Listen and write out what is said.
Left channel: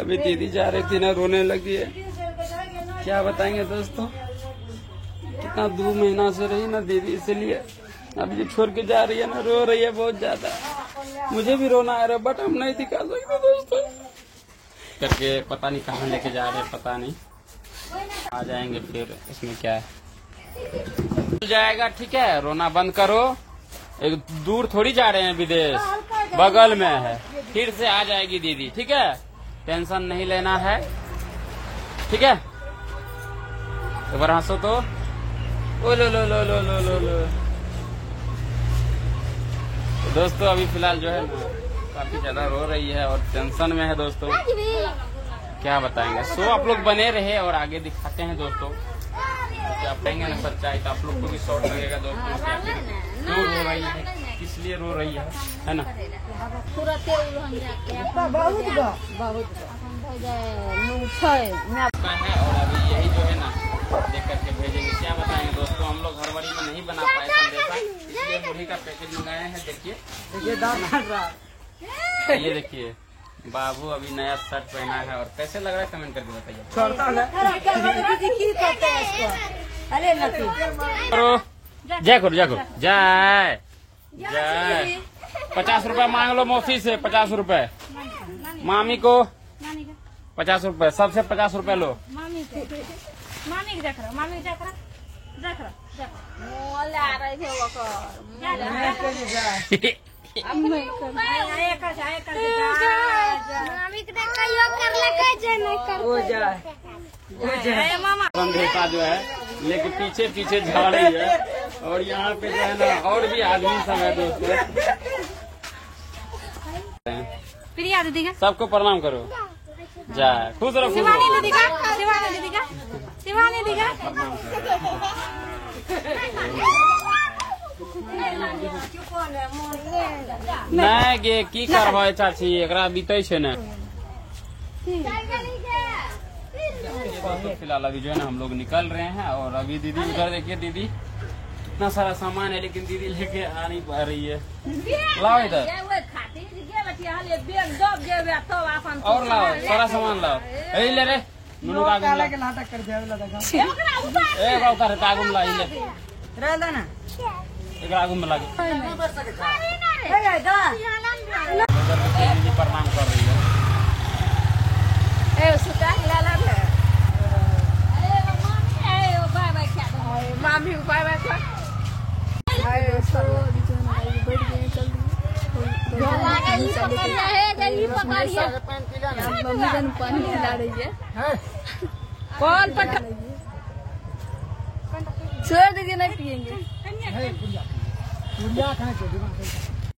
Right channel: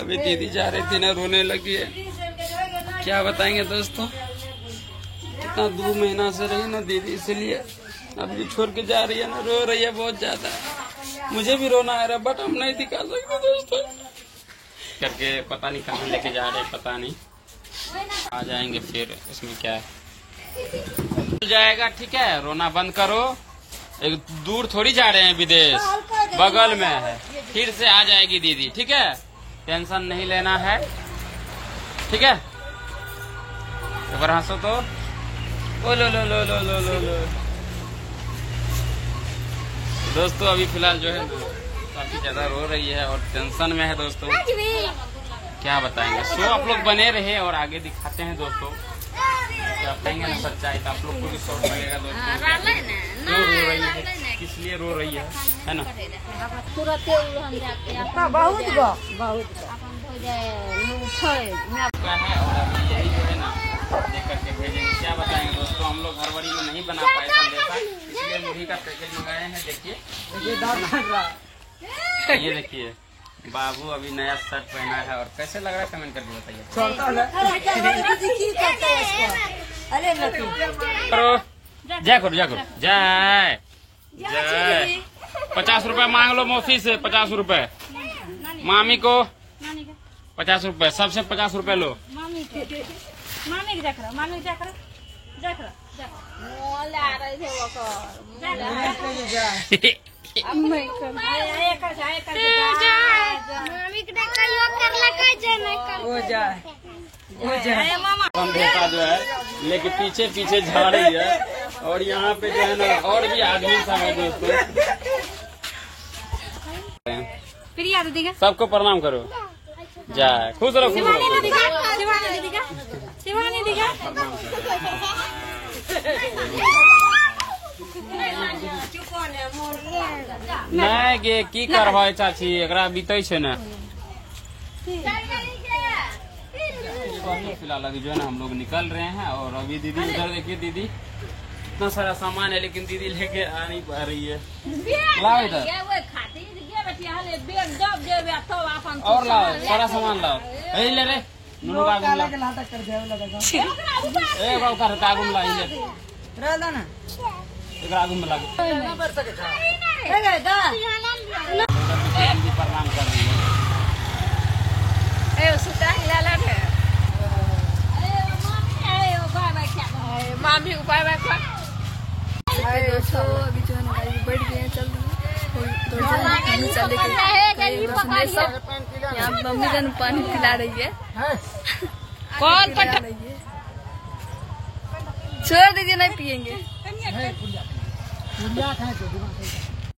अभी दीदी जा रही थी ना, रोने लगी है। क्या बताएंगे दोस्तों, कितना 2 महीना से रही ना दीदी, इसलिए अभी छोड़ के जा रही है ना, रो रही है बहुत ज्यादा। मुझे भी रोना आ रहा है बट हम नहीं दिखा सकते दोस्तों, करके पता नहीं कहाँ लेके जा रहे हैं, पता नहीं। आ जाएंगे फिर, उसमें क्या है, मिल जाएगा। ठीक है, रोना बंद करो। एक दूर थोड़ी जा रहे हैं, विदेश बगल में है, फिर से आ जाएगी दीदी। ठीक है, टेंशन नहीं लेना है। ठीक है, एक बार हंसो तो। ओ लो लो लो लो लो लो लो। दोस्तों अभी फिलहाल जो है काफी ज्यादा रो रही है और टेंशन में है दोस्तों, क्या बताएंगे। सो आप लोग बने रहे और आगे दिखाते हैं दोस्तों, बताएंगे ना सच्चाई, तो आप लोग को भी शौक लगेगा दोस्तों। रो रही है, किस लिए रो रही है ना। यही जो है ना देख करके भेजेंगे। क्या बताएंगे दोस्तों, हम लोग फरवरी में नहीं बना पाए संदेशा, इसलिए मुर्गी का पैकेट मंगाए हैं। देखिए ये देखिए, बाबू अभी नया शर्ट पहना है और कैसे लग रहा है कमेंट करके बताइए। जय करो जय करो जय जय। 50 रुपए मांग लो मौसी से, 50 रुपए मामी को, 50 रुपए सबसे 50 रुपए लो। बेटा जो है लेके पीछे पीछे जा रही है और यहाँ पे जो है ना और भी आदमी सब है दोस्तों। सबको प्रणाम करो, जय खुश रहो। नहीं गे की करबे चाची, एकरा बीते छे ना। फिलहाल अभी जो है ना हम लोग निकल रहे हैं और अभी दीदी उधर देखिए, दीदी इतना सारा सामान है लेकिन दीदी लेके आ नहीं पा रही है। लाओ इधर और लाओ, सारा सामान लाओ। यही ले रे नुनू का आगुम ला, ए बाबू का रहता आगुम ला, ले रहला ना एक आगुम में लागे। प्रणाम कर रही है। मामी ऊपर रखो। दोस्तों अभी जो है ना बैठ गए, चल मम्मी जान पानी पिला रही है। कॉल पर छोड़ दीजिए, नहीं पियेंगे।